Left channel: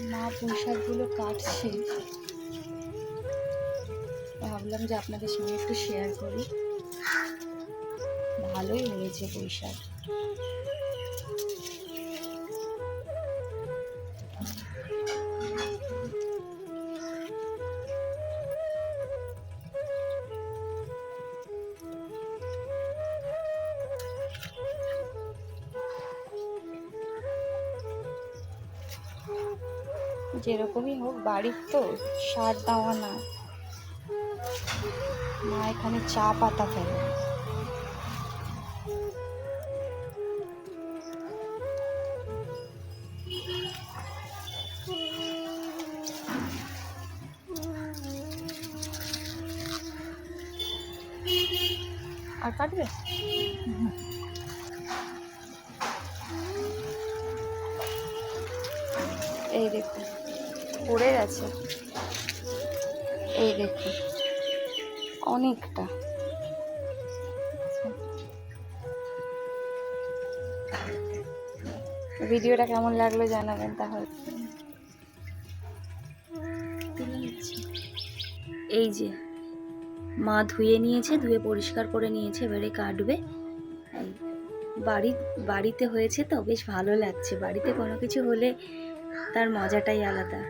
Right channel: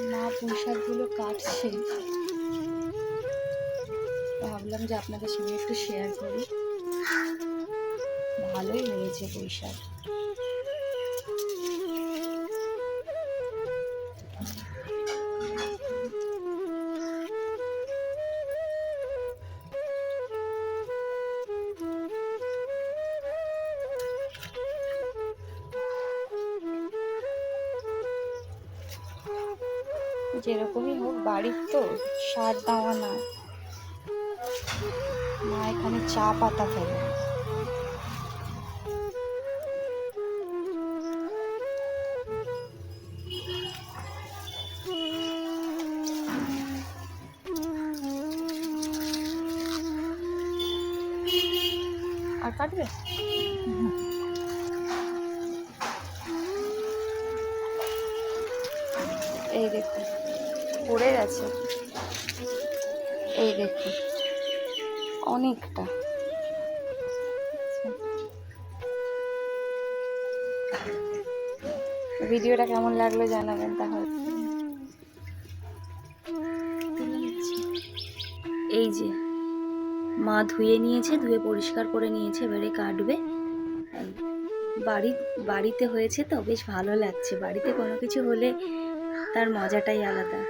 মা পুঁই শাকগুলো কাটছে, ভাবলাম যে আপনাদের সঙ্গে একটু শেয়ার করি। ভালোই হয়েছে পুঁই শাক। যেরকমই হোক বাড়ির তো, সার দেওয়া না। মা এখানে চা পাতা ফেলে। আর কাটবে? এই দেখুন পড়ে গেছে, এই দেখুন অনেকটা। ভিডিওটা কেমন লাগলো জানাবেন তাহলে। এই যে মা ধুয়ে নিয়েছে, ধুয়ে পরিষ্কার করে নিয়েছে, এবারে কাটবে। বাড়িতে হয়েছে তো বেশ ভালো লাগছে। বাড়িতে কোনো কিছু হলে তার মজাটাই আলাদা।